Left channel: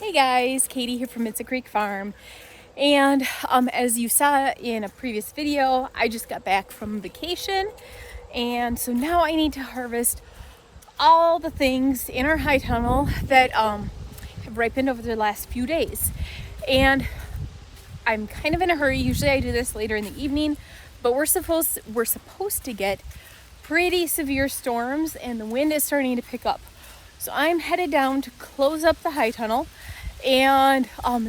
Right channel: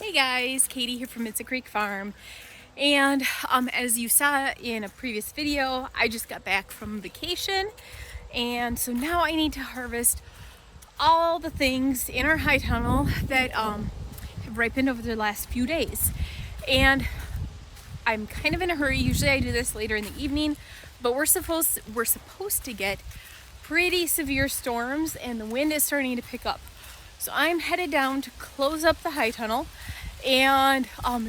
Hey guys, Katie here from It's a Creek Farm. And as you saw in a previous video, I just got back from vacation. And so now I need to harvest all the things in our high tunnel that have ripened over the last few days. And I'm kind of in a hurry. Usually I do this later in the evening, but we're supposed to get pretty severe storms and the wind is starting to pick up. So I'm headed down to close up the high tunnel and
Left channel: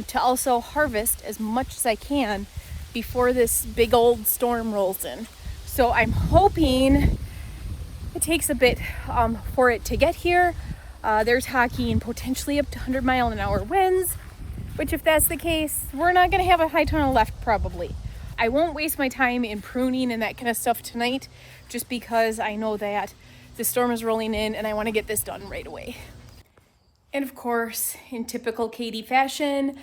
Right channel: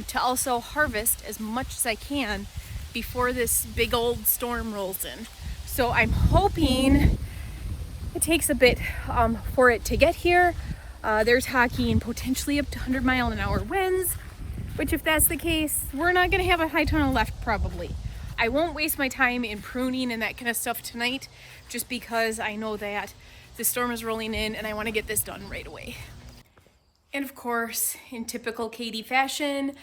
to also harvest as much as I can before this big old storm rolls in. So I'm hoping it takes a bit for it to get here. They're talking potentially up to 100-mile-an-hour winds, which if that's the case, we're not gonna have a high tunnel left probably. I won't waste my time in pruning and that kind of stuff tonight, just because I know that the storm is rolling in and I want to get this done right away. And of course, in typical Katie fashion,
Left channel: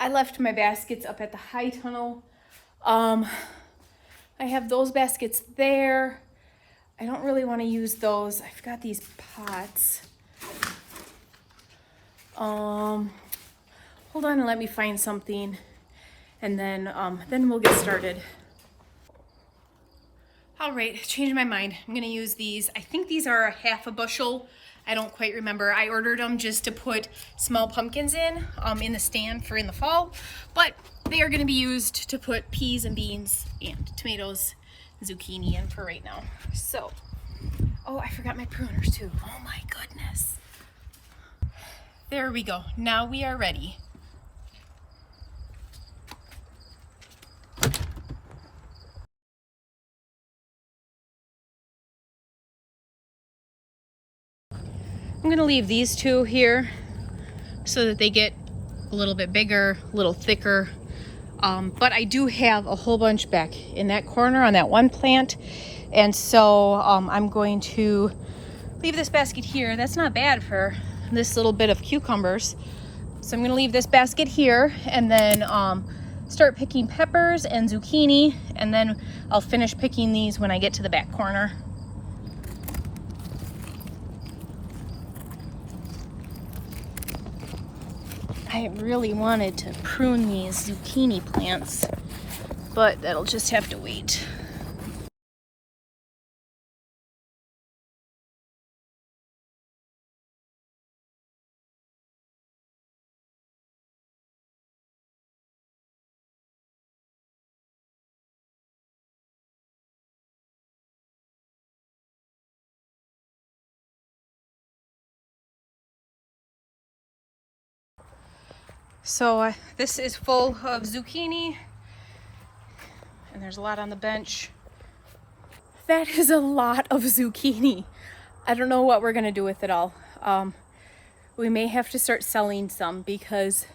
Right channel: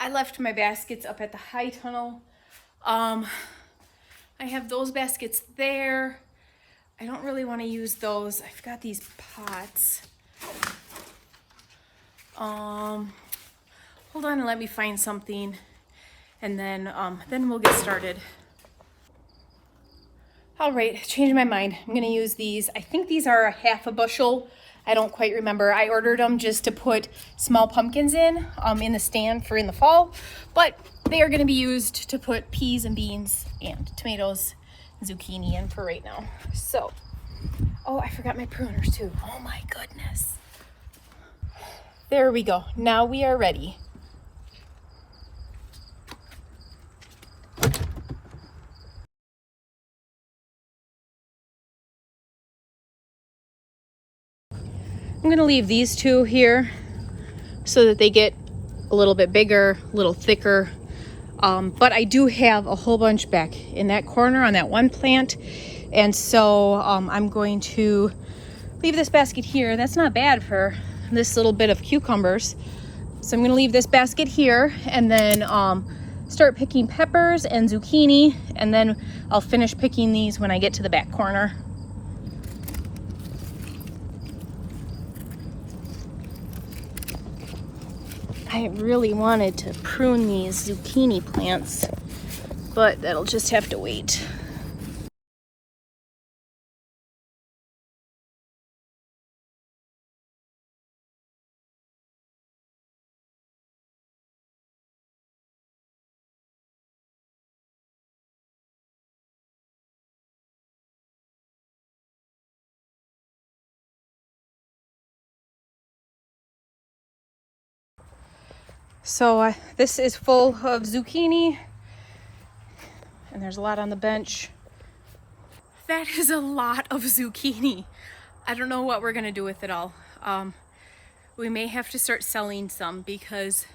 I left my baskets up at the high tunnel. I have those baskets there. I don't really want to use those. I've got these pots. Hold on and let me find something, and then we'll get started. All right, changing my mind. I'm gonna use these. I think these are a half a bushel. I don't quite remember. I ordered them just to put small pumpkins in the stand for in the fall, but they are gonna be used to put peas and beans and tomatoes and zucchini in for right now. So, oh, I forgot my pruners too. Oh my goodness. There we go. Now we are ready. I'm gonna leave these two here so that they get a little bit bigger, a little thicker. But I do have a whole bunch back in that corner on that one plant. And so I'm going to leave this basket here. That's not bad for this little bit of cucumbers. So I'm gonna leave this basket here and then start picking peppers and zucchini. And then I'll finish picking these when I get to the back corner. I really wanted to prune these zucchini plants, but that'll just have to wait. So this is full of zucchini, and there's a lot on the bench. That is a lot of zucchini. I don't know what we're gonna do with it all. We may have to start selling some because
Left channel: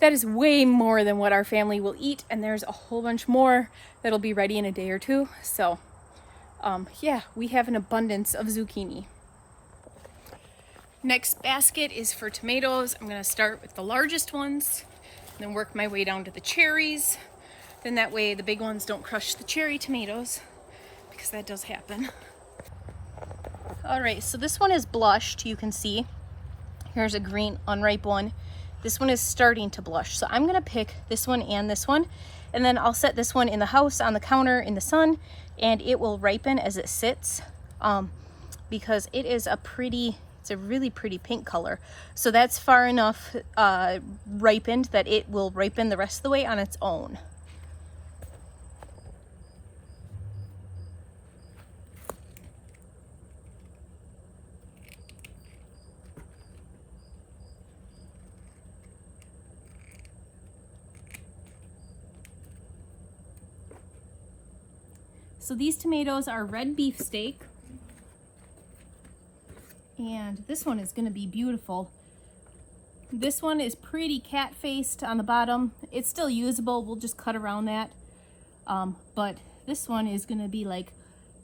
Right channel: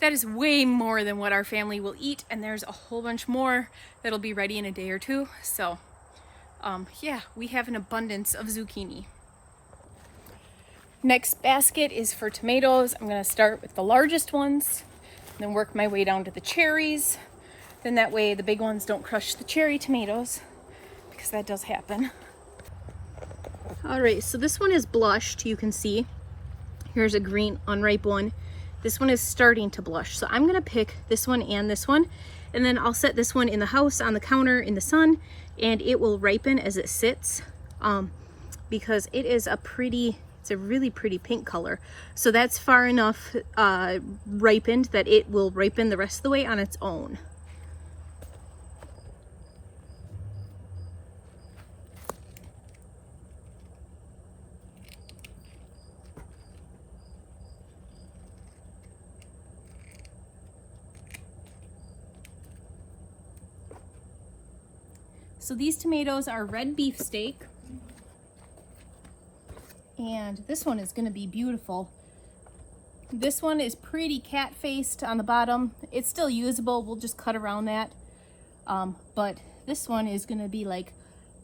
that is way more than what our family will eat, and there's a whole bunch more that'll be ready in a day or two. So yeah, we have an abundance of zucchini. Next basket is for tomatoes. I'm gonna start with the largest ones, then work my way down to the cherries. Then that way the big ones don't crush the cherry tomatoes, because that does happen. All right, so this one is blushed, you can see. Here's a green unripe one. This one is starting to blush. So I'm gonna pick this one, and then I'll set this one in the house on the counter in the sun, and it will ripen as it sits because it is it's a really pretty pink color. So that's far enough ripened that it will ripen the rest of the way on its own. So these tomatoes are red beefsteak, and this one is gonna be beautiful. This one is pretty cat-faced on the bottom. It's still usable, we'll just cut around that. But this one is gonna be like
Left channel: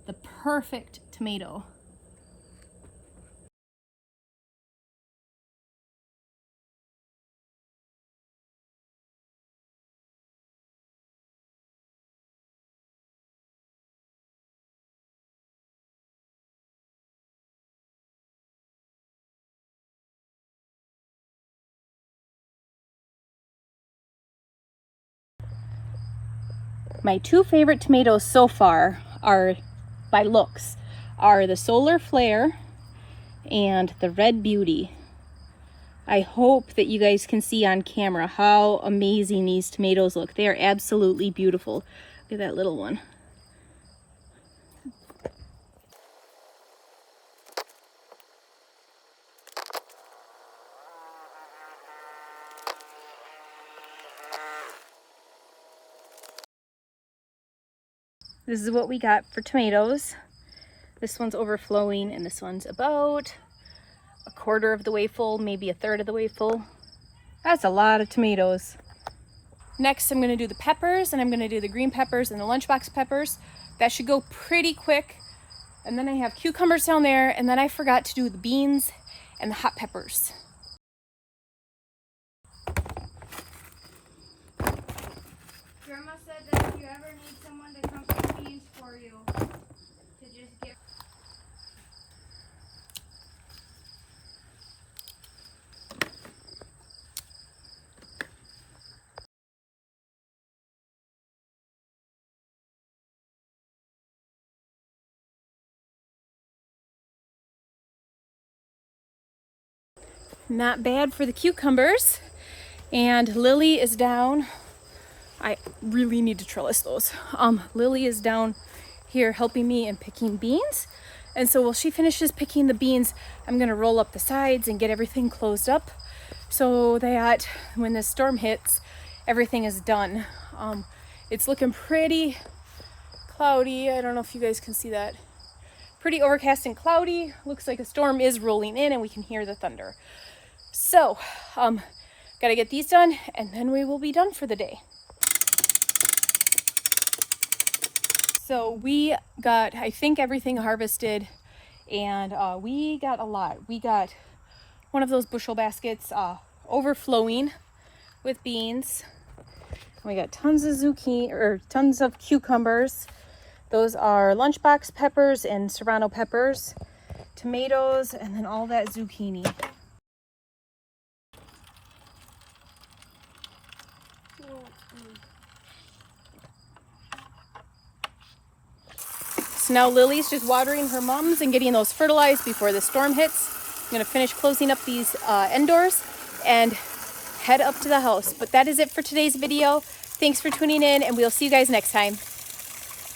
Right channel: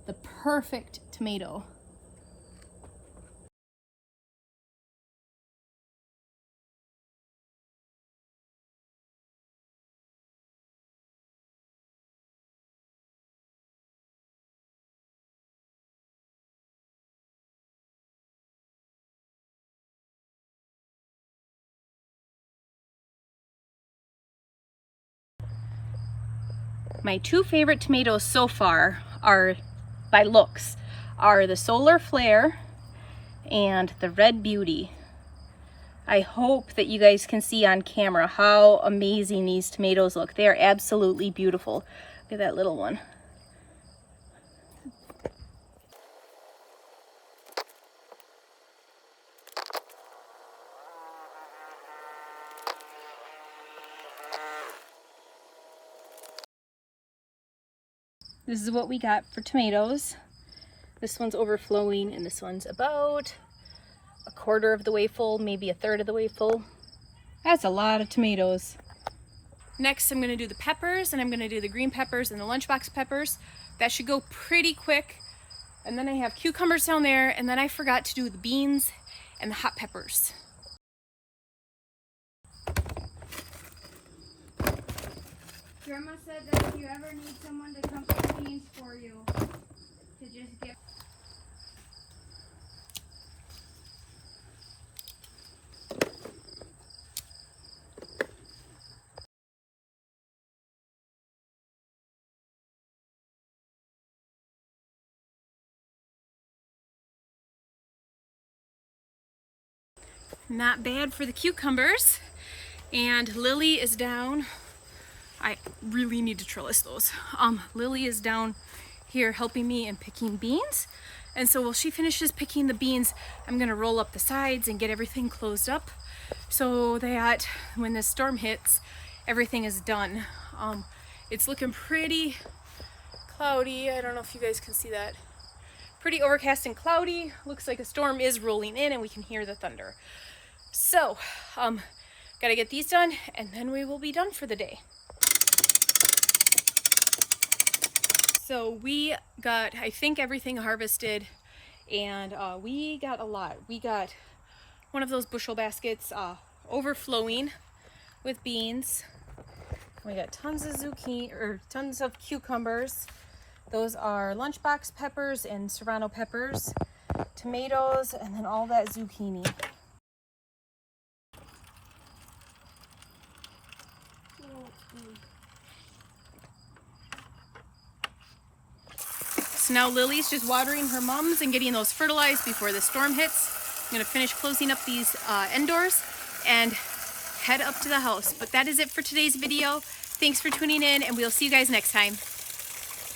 the perfect tomato. My two favorite tomatoes so far are, by looks, are the Solar Flare and the Red Beauty. I hope that you guys can see on camera how amazing these tomatoes look. They are absolutely beautiful. Look at that little one. This is what we got for tomatoes. This one's overflowing and this one's about a quarter of the way full, maybe a third of the way full. That's a lot of tomatoes. Next, I'm gonna do the peppers, and I'm gonna do the green peppers and the lunchbox peppers. That should go pretty quick. And then I have cucumbers down there, and then I forgot to do the beans and the hot peppers. Grandma said that if you ever need someone to come pick beans for you, to just get. Not bad for the cucumbers. And Lily is down. I really need to trellis those. Lily is down here helping me in picking beans. And so while she finishes picking the beans, I'm gonna roll up the sides and get everything closed up so that when the storm hits, everything is done. It's looking pretty cloudy. I don't know if you guys can see that. Pretty overcast and cloudy. Looks like a storm is rolling in and we can hear the thunder. So, gotta get these done and then we will be done for the day. So we got, I think, everything harvested, and we got a lot. We got one of those bushel baskets overflowing with beans. And we got tons of zucchini, or tons of cucumbers. Those are lunchbox peppers and serrano peppers, tomatoes, and then all that zucchini. So now Lily's just watering her mums and getting those fertilized before the storm hits. I'm gonna finish closing up these end doors and head up to the house. But that is it for today's video. Thanks for tuning in, and we'll see you guys next time.